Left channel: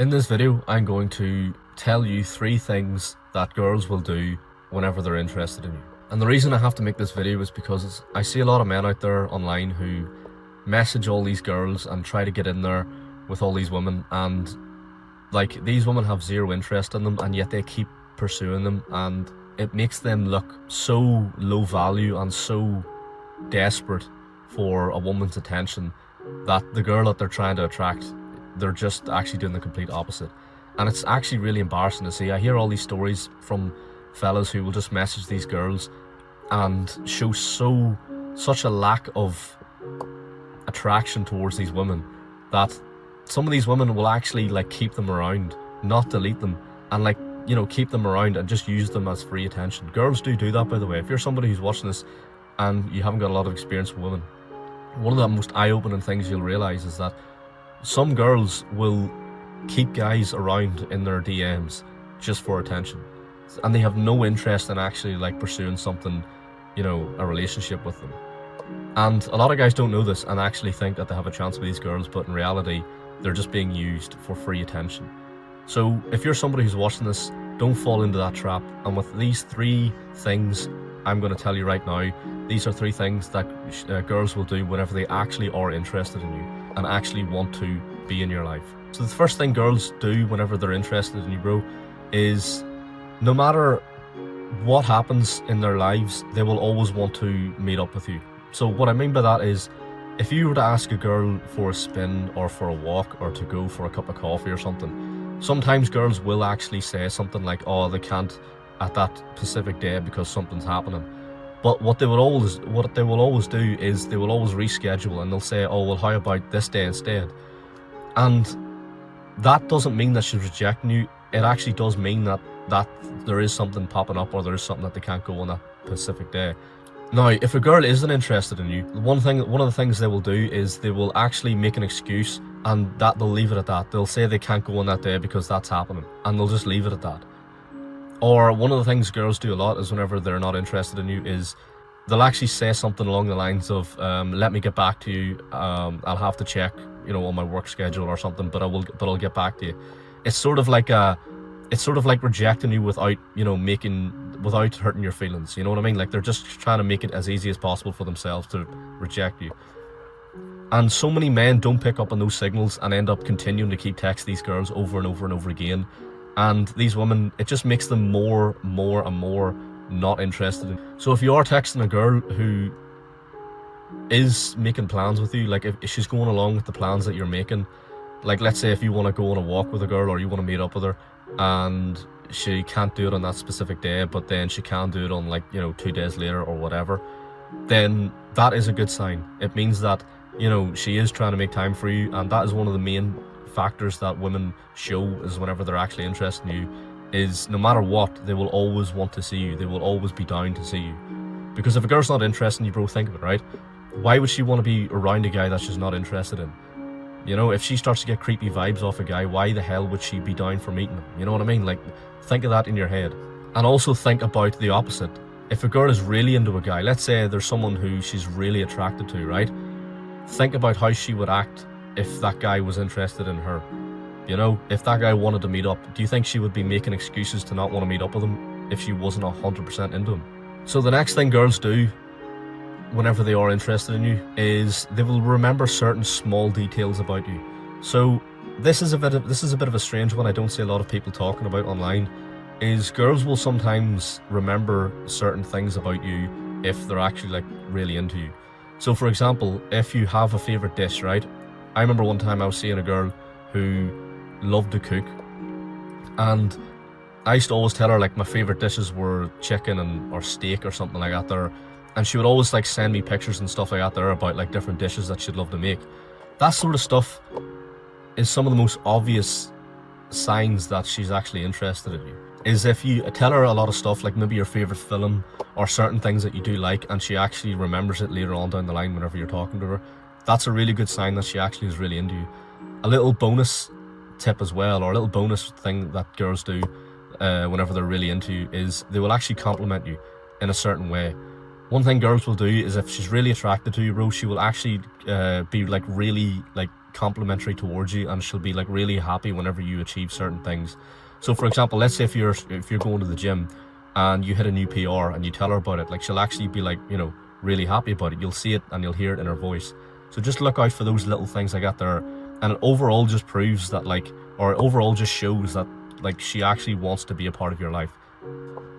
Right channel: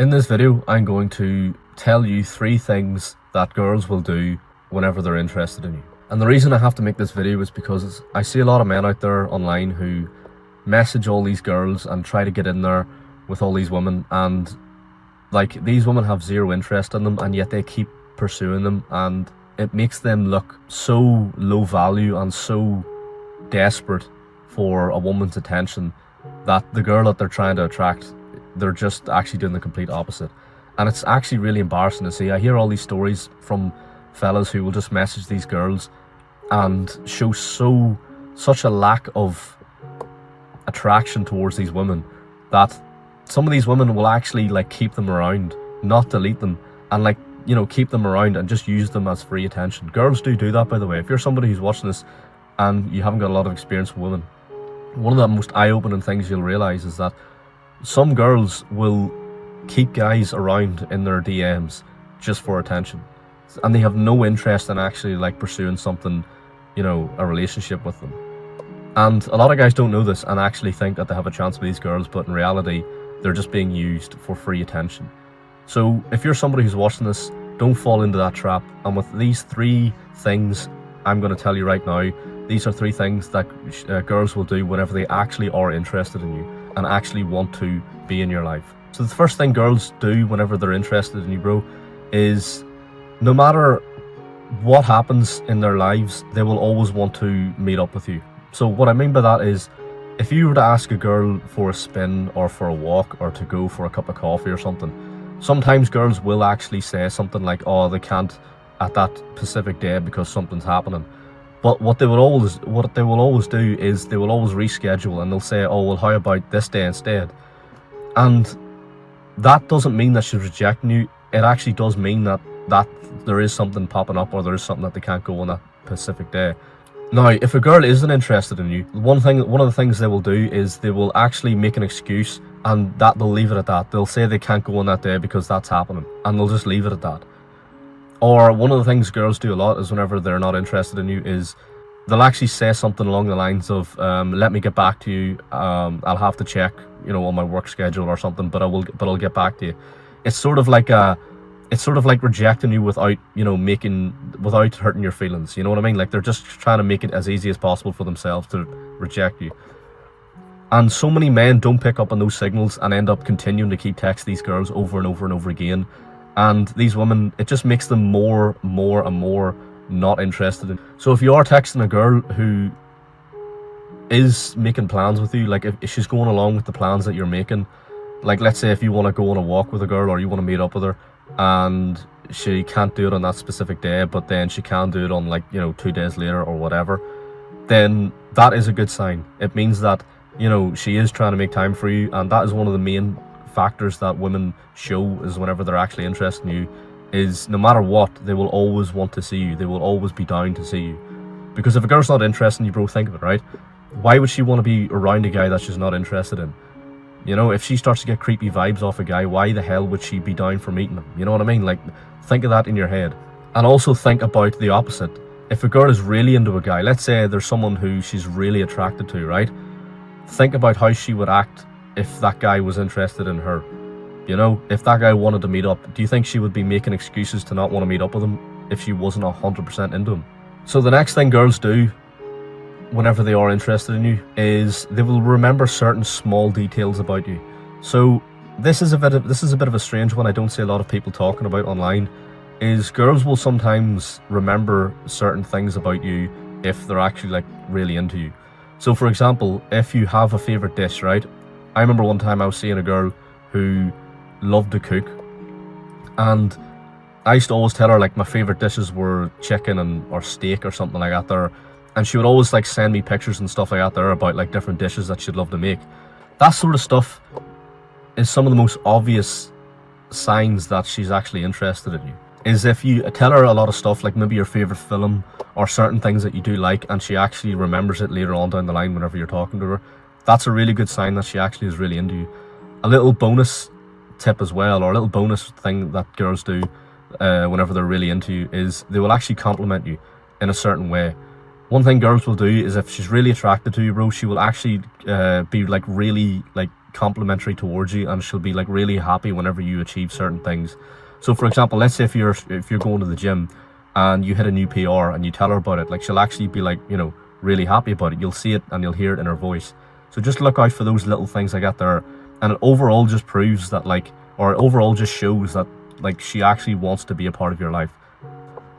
In this video, I'm going to tell you 3 things that girls will do whenever they're interested in you. And the reason I have to make this video is because I see a lot of men out there online who message all these girls and try to get in there with all these women, and like, these women have zero interest in them, and yet they keep pursuing them, and it makes them look so low value and so desperate for a woman's attention that the girl that they're trying to attract, they're just actually doing the complete opposite. And it's actually really embarrassing to see. I hear all these stories from fellas who will just message these girls and show such a lack of attraction towards these women that some of these women will actually like keep them around, not delete them, and like, you know, keep them around and just use them as free attention. Girls do that, by the way. If you're somebody who's watching this and you haven't got a lot of experience with women, one of the most eye-opening things you'll realize is that some girls will keep guys around in their DMs just for attention, and they have no interest in actually like pursuing something, you know, a relationship with them. And a lot of guys don't know this and actually think that they have a chance with these girls, but in reality they're just being used for free attention. So if you're somebody who's watching this, don't fall into that trap. And with these 3 things I'm going to tell you right now, these are 3 things that girls will do whenever they actually are interested in you and actually want to be in your life. So the first thing girls do whenever they're interested in you, bro, is no matter what happens in their lives, they will always want to meet up with you. So what I mean by that is, if you were to ask a girl for a spin or for a walk or to go for a cup of coffee or something, sometimes girls will actually say something like, oh, they can't at that specific day because something's happening. But what they will always do is they will always reschedule, and they'll say, oh, well, how about this day instead? And that doesn't mean that she's rejecting you. It actually does mean that there is something popping up, or there is something that they can't go on that specific day. Now, if a girl isn't interested in you, one of the things they will do is they will actually make an excuse, and that they'll leave it at that. They'll say they can't go on that day because that's happening, and they'll just leave it at that. Or one of the things girls do a lot is whenever they're not interested in you is they'll actually say something along the lines of, let me get back to you, I'll have to check, you know, on my work schedule or something, but I'll get back to you. It's sort of like rejecting you without, you know, without hurting your feelings. You know what I mean? Like, they're just trying to make it as easy as possible for themselves to reject you. And so many men don't pick up on those signals and end up continuing to keep texting these girls over and over and over again. And these women, it just makes them more and more not interested in. So if you are texting a girl who is making plans with you, like if she's going along with the plans that you're making, like let's say if you want to go on a walk with a girl or you want to meet up with her and she can't do it on that specific day, but then she can do it on, like, you know, 2 days later or whatever, then that is a good sign. It means that, you know, she is trying to make time for you, and that is one of the main factors that women show is whenever they're actually interested in you, is no matter what, they will always want to see you. They will always be down to see you. Because if a girl's not interested in you, bro, think of it, right? Why would she want to be around a guy that she's not interested in? You know, if she starts to get creepy vibes off a guy, why the hell would she be down for meeting him? You know what I mean? Like, think of that in your head. And also think about the opposite. If a girl is really into a guy, let's say there's someone who she's really attracted to, right? Think about how she would act if that guy was interested in her. You know, if that guy wanted to meet up, do you think she would be making excuses to not want to meet up with him if she wasn't 100% into him? So the next thing girls do whenever they are interested in you is they will remember certain small details about you. So this is a bit of a strange one. I don't see a lot of people talking about online. Is girls will sometimes remember certain things about you if they're actually like really into you. So for example, if you have a favorite dish, right? I remember one time I was seeing a girl who loved to cook, and I used to always tell her like my favorite dishes were chicken or steak or something like that there, and she would always like send me pictures and stuff like that there about like different dishes that she'd love to make. That sort of stuff is some of the most obvious signs that she's actually interested in you. Is if you tell her a lot of stuff, like maybe your favorite film or certain things that you do like, and she actually remembers it later on down the line whenever you're talking to her, that's a really good sign that she actually is really into you. A little bonus tip as well, or a little bonus thing that girls do whenever they're really into you, is they will actually compliment you in a certain way. One thing girls will do is if she's really attracted to you, bro, she will actually be like really like complimentary towards you, and she'll be like really happy whenever you achieve certain things. So for example, let's say if you're going to the gym and you hit a new PR and you tell her about it, like she'll actually be like, you know, really happy about it. You'll see it and you'll hear it in her voice. So just look out for those little things like that there, and it overall just proves that like, or it overall just shows that like she actually wants to be a part of your life.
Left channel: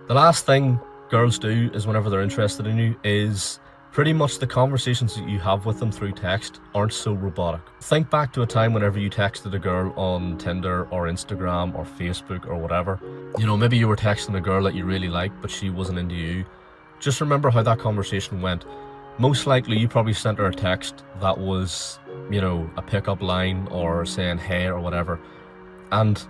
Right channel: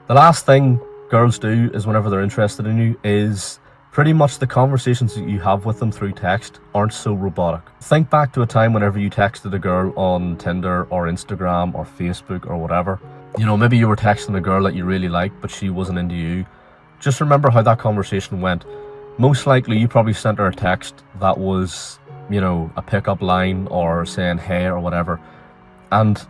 The last thing girls do is whenever they're interested in you is pretty much the conversations that you have with them through text aren't so robotic. Think back to a time whenever you texted a girl on Tinder or Instagram or Facebook or whatever. You know, maybe you were texting a girl that you really liked, but she wasn't into you. Just remember how that conversation went. Most likely you probably sent her a text that was, you know, a pickup line or saying hey or whatever, and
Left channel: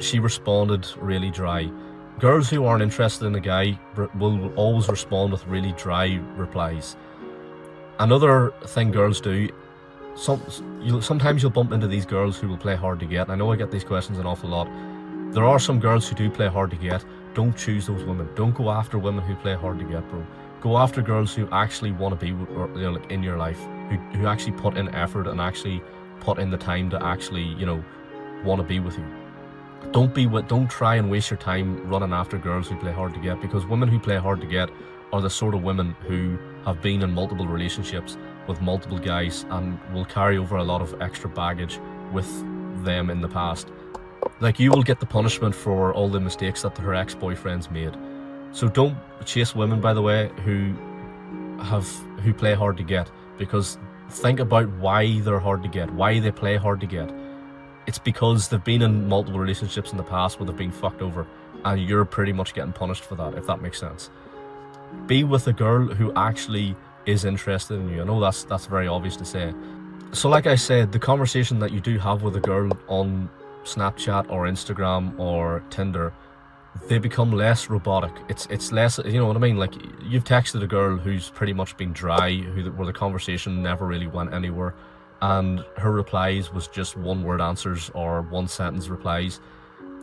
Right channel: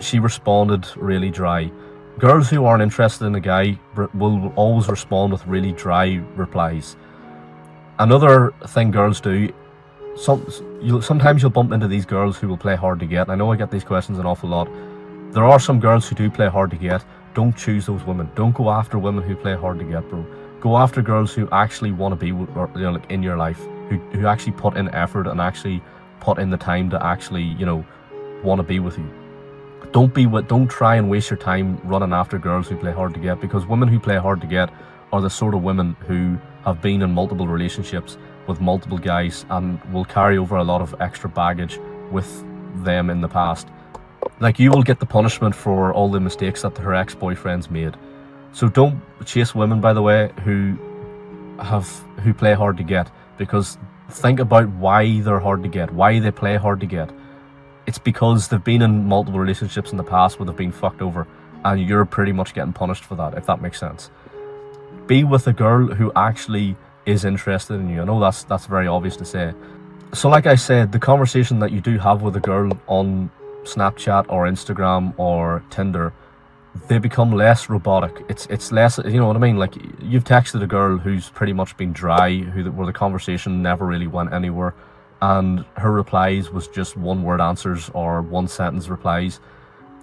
she responded really dry. Girls who aren't interested in a guy will always respond with really dry replies. Another thing girls do, sometimes you'll bump into these girls who will play hard to get. I know I get these questions an awful lot. There are some girls who do play hard to get. Don't choose those women. Don't go after women who play hard to get, bro. Go after girls who actually want to be, you know, like in your life, who actually put in effort and actually put in the time to actually, you know, want to be with you. Don't try and waste your time running after girls who play hard to get, because women who play hard to get are the sort of women who have been in multiple relationships with multiple guys and will carry over a lot of extra baggage with them in the past. Like, you will get the punishment for all the mistakes that her ex-boyfriends made. So don't chase women, by the way, who play hard to get, because think about why they're hard to get, why they play hard to get. It's because they've been in multiple relationships in the past where they've been fucked over, and you're pretty much getting punished for that, if that makes sense. Be with a girl who actually is interested in you. I know that's very obvious to say. So like I said, the conversation that you do have with a girl on Snapchat or Instagram or Tinder, they become less robotic. It's less, you know what I mean? Like, you've texted a girl who's pretty much been dry, where the conversation never really went anywhere, and her replies was just one-word answers or one-sentence replies,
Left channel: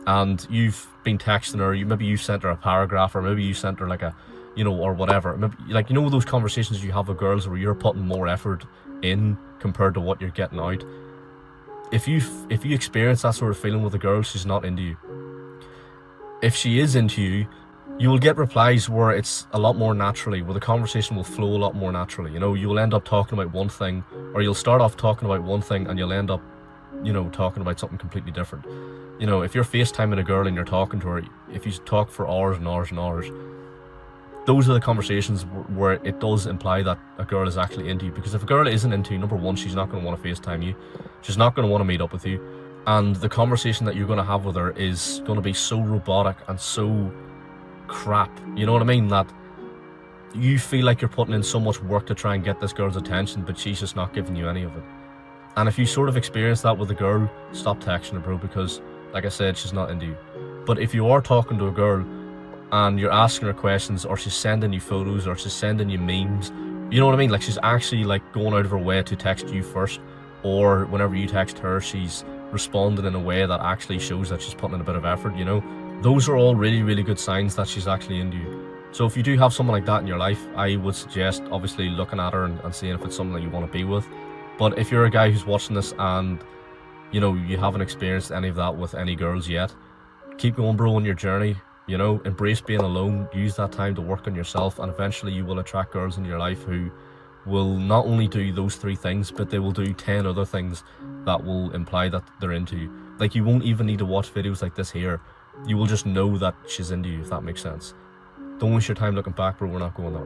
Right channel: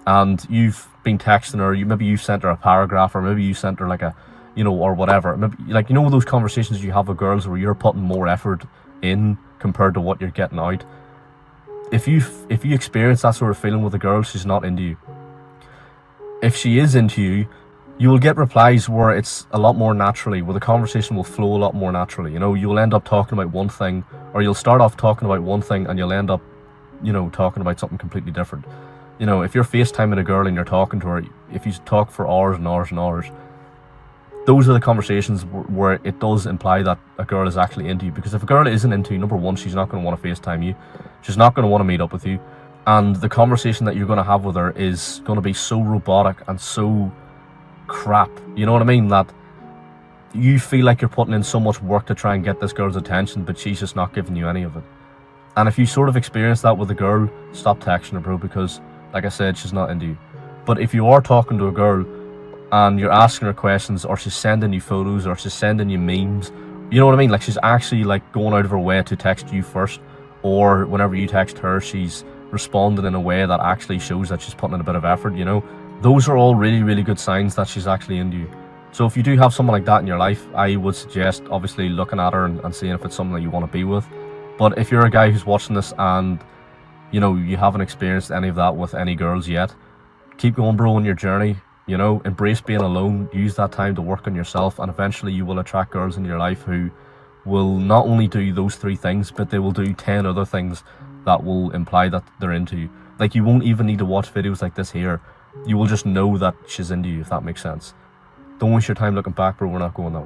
and you've been texting her. Maybe you sent her a paragraph, or maybe you sent her like a, you know, or whatever. Maybe, like, you know, those conversations you have with girls where you're putting more effort in compared to what you're getting out. If you experience that sort of feeling with a girl, she's not into you. If she is into you, you will get replies where it's a lot more naturally, where the conversation will flow a lot more naturally. You know, you'll end up talking about one thing, or you'll start off talking about one thing and you'll end up, you know, talking about something completely different. You know, if you're FaceTiming a girl and you're talking to her, if you talk for hours and hours and hours, those are the conversations where it does imply that a girl is actually into you. Because if a girl isn't into you, number one, she's not going to want to FaceTime you. She's not going to want to meet up with you. And the conversation that you're going to have with her is going to be so robotic and so crap, you know what I mean, that you feel like you're putting in so much work to try and get this girl's attention, but she's just not giving you any of it. And if you sort of experience that with a girl, stop texting her, bro, because like I said, she's not into you. But if you are talking to a girl and you're asking her questions, or she's sending you photos, or she's sending you memes, you know what I mean, like she's actually like going out of her way to text you first, or whenever you text her, she's responded in a way that actually shows that she's putting in a bit of effort, you know, those are all really, really good signs that she's actually into you. So if you do have someone like that in your life, I would suggest obviously looking at her and seeing if it's something that you want to be with. But if you're a guy who's watching this and, you know, you haven't experienced any of that with any girls yet, keep going, bro, on your journey. You know, embrace being alone, use that time to work on yourself, and eventually you will attract girls in your life who will not only do those 3 things, but they will do 10 other things that will imply that they're into you. Like, you won't even need to watch videos like this here. You will just know that she's into you, if that makes sense. Don't waste your time looking back, bro. We're not going that way.